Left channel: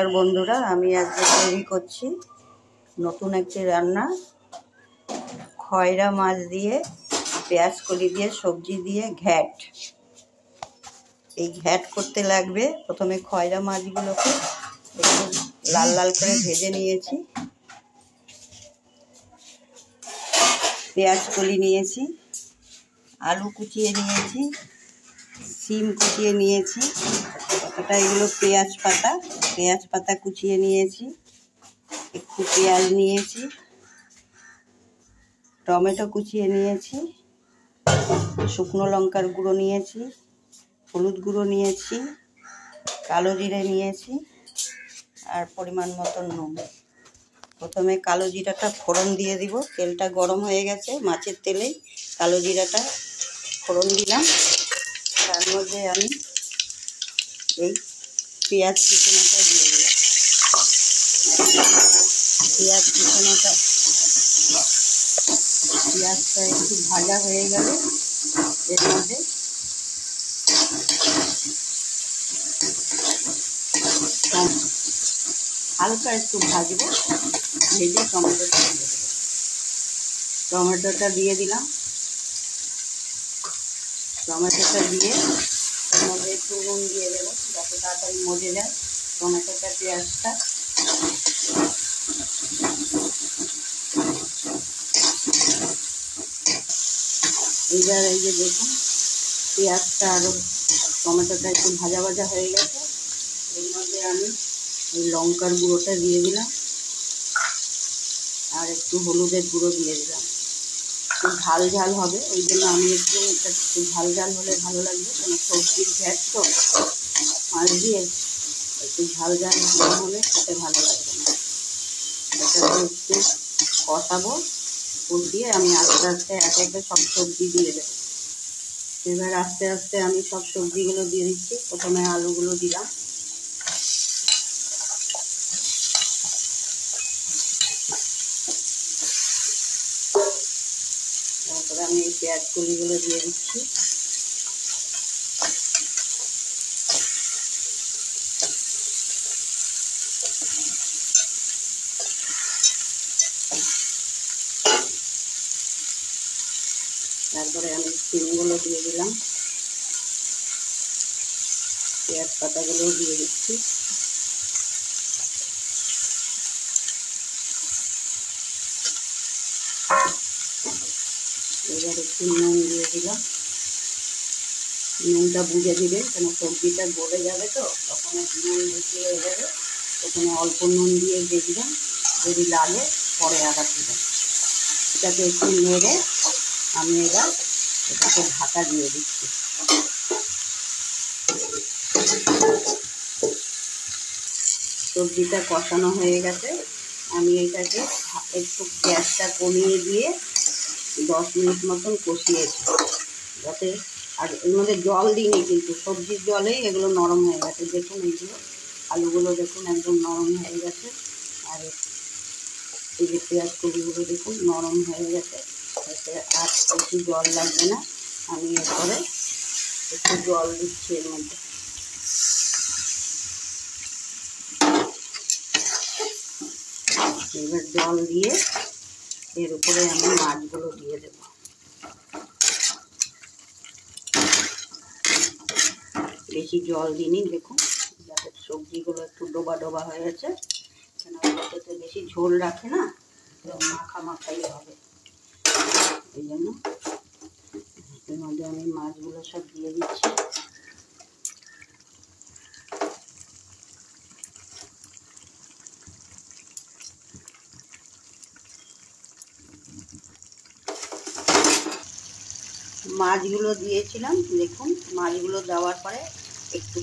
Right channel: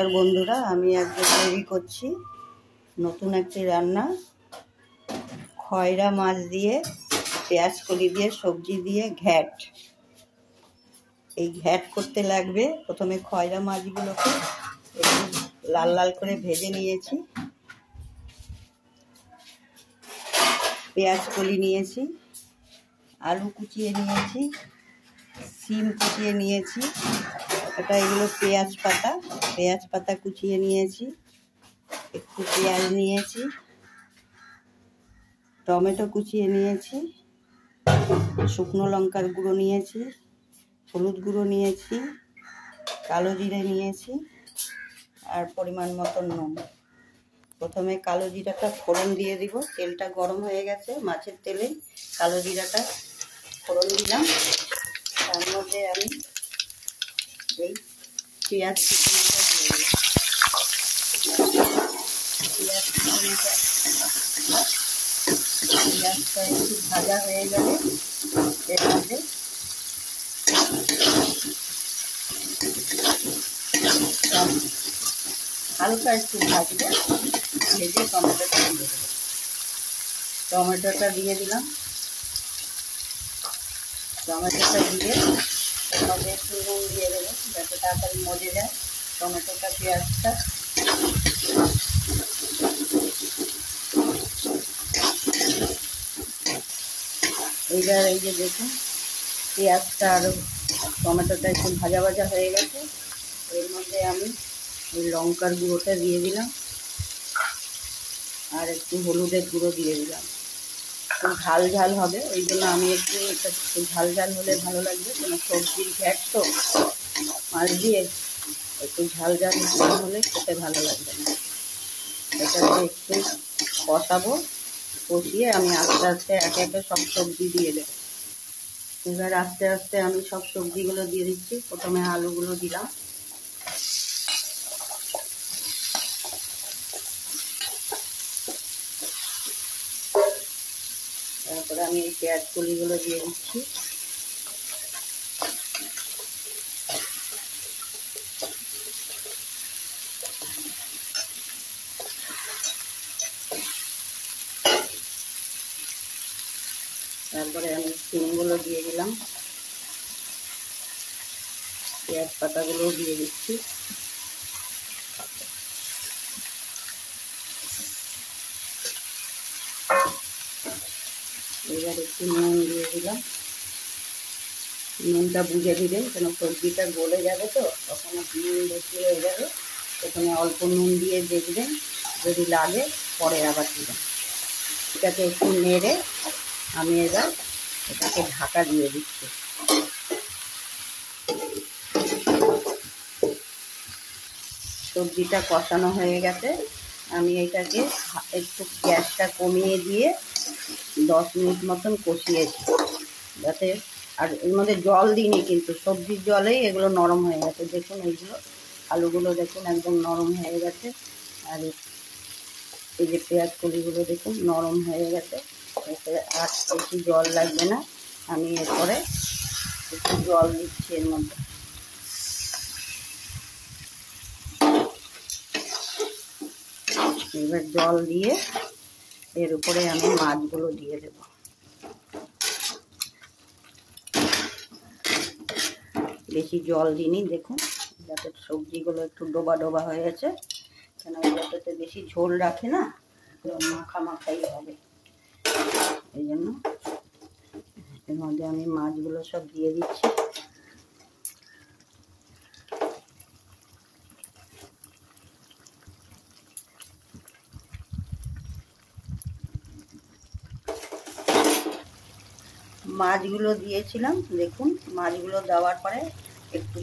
আর বন্ধুরা, আমি আজকে তৈরি করছি নতুন একটি রান্না। খয়রা মাছ দিয়ে, পেঁয়াজ কলি দিয়ে, সবজি দিয়ে ঘ্যাট। এই ঘ্যাট করতে লাগবে, প্রথমে খয়রা মাছগুলোকে একটু লাল লাল করে ভেজে নিয়েছি, পেঁয়াজ কলি নিয়েছি, আলু কুচিয়ে নিয়েছি, সিম কুচিয়ে নিয়েছি, এগুলো পেঁয়াজ পাতা কুচিয়ে নিয়েছি, একটু পেঁয়াজ নিয়েছি, টমেটো কুচিয়ে নিয়েছি, শুকনো লঙ্কার গুঁড়ো নিয়েছি, হলুদ গুঁড়ো নিয়েছি, কালো জিরে নিয়েছি, আর পরিমাণ মতো নুন। প্রথমে কালো জিরাটা ফোড়ন দিয়ে দিব। তেলটা গরম হয়ে গেছে, মাছের তেলেই কালো জিরাটা ফোড়ন দিলাম। তার মধ্যে আমি এই পেঁয়াজ কুচনোটা দিয়ে দিলাম। পেঁয়াজটা একটু ভাজা হয়ে গেলে এর মধ্যে হালকা একটু ভাজবো, ভেজে টমেটোটা দিয়ে দেবো। টমেটোটা দিয়ে দিলাম। টমেটোটা দিয়ে এর মধ্যে একটু নুন দিয়ে দেবো, যাতে তাড়াতাড়ি মজে যায় টমেটোটা, পেঁয়াজটা। এইবার এই যে দেখুন, পেঁয়াজটা আর টমেটোটা একটু ভাজা ভাজা হয়ে গেছে। এর মধ্যে আমি এই লঙ্কার গুঁড়োটা দিয়ে দিলাম, আর একটু হলুদের গুঁড়ো দিয়ে দিলাম। একটু ঝাল ঝাল হবে, ওই জন্য আমি একটু ঝাল ঝাল হলে ভালো লাগবে, কোনো সবজির ঘ্যাট তো মাছ দিয়ে, একটু ঝাল ঝাল না হলে খেতে ভালো লাগবে না। এটাকে একটু কষাবো, কষিয়ে আমি আস্তে আস্তে একে একে সব সবজি দিয়ে দেবো। এবার আস্তে আস্তে আমি সব সবজিগুলো দিয়ে দিচ্ছি। প্রথমে আলুগুলো দিলাম, তারপরে আমি এই পেঁয়াজ কলিগুলো দিয়ে দিচ্ছি। তারপরে আমি সিমগুলো দিয়ে দিলাম, পেঁয়াজ পাতাগুলোও দিয়ে দিচ্ছি। এবার একটু নুন দিয়ে দিলাম। নুনটা বুঝে দিবেন, কেন সবজিটা গলে যাবে তো, তখন নুন বেশি হয়ে যাবে। এখানে অল্প নুন দিয়ে দেখবেন, যদি লাগে পরে আবার দিবেন। এটাকে একটু নেড়ে আমি এবার এটাকে ঢাকা দিয়ে দিচ্ছি। সবজিটা কষানো হয়ে গেছে, আমি এটাকে একটু গ্যাসটা কমিয়ে দিয়ে 10 মিনিট মতন কষিয়েছি, যাতে, আর এর মধ্যে জল দিইনি, কিন্তু সবজির জলেই এগুলো নরম হয়ে গেছে। দেখুন এইগুলো আলুগুলো দেখুন একদম নরম হয়ে গেছে, আর এই যে পেঁয়াজ কলিগুলো দেখুন নরম হয়ে গেছে। এরপরে আর বেশি জল লাগবে না, আমি এরপরে একটু জল দিচ্ছি এর মধ্যে। এবার জল দিয়ে এর উপরে আমি মাছগুলো দিয়ে দেব। বেশি জল দিইনি, দেখুন, যাতে সবজিগুলো একটু ডোবা ডোবা হয়ে গেছে, কেন ওটাতে বেশি ঝোল রাখে না, মাখা মাখাই হবে। এই জন্য এর মধ্যে আমি মাছগুলো সব দিয়ে দিচ্ছি। মাছগুলো দিয়েছিলাম, দেখুন মাছগুলো দেওয়ার পরে একটু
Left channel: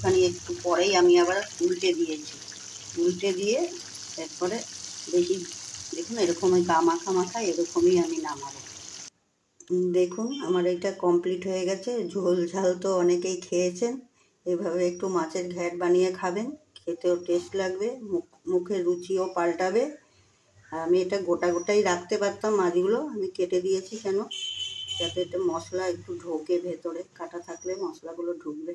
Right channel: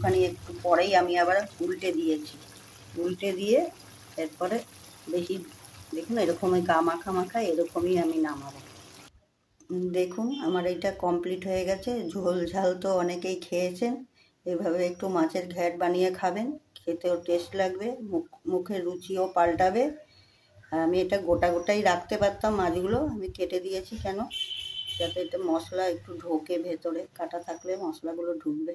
পরেই আমি আবার উল্টে দিয়েছি। উল্টে দিয়ে এরপরে বেশি, দেখুন এরকমই মাখা মাখা, এরকমই আমি নামাবো। দেখুন আমার এটা কমপ্লিট হয়ে গেছে। ঝোল ঝাল তো অনেকেই খেয়েছেন, এভাবে একটু মাছের ঘ্যাট বানিয়ে খাবেন, খেতেও টেস্ট লাগবে, মুখের রুচিও পাল্টাবে। আর আমি এটা গোটা গোটাই রাখতে পারতাম, মাছগুলো আমি কেটে দিয়েছি, কেন, যাতে এটা মশলা একটু ঢোকে ভেতরে, কাটা থাকলে মশলাগুলো ঢুকবে।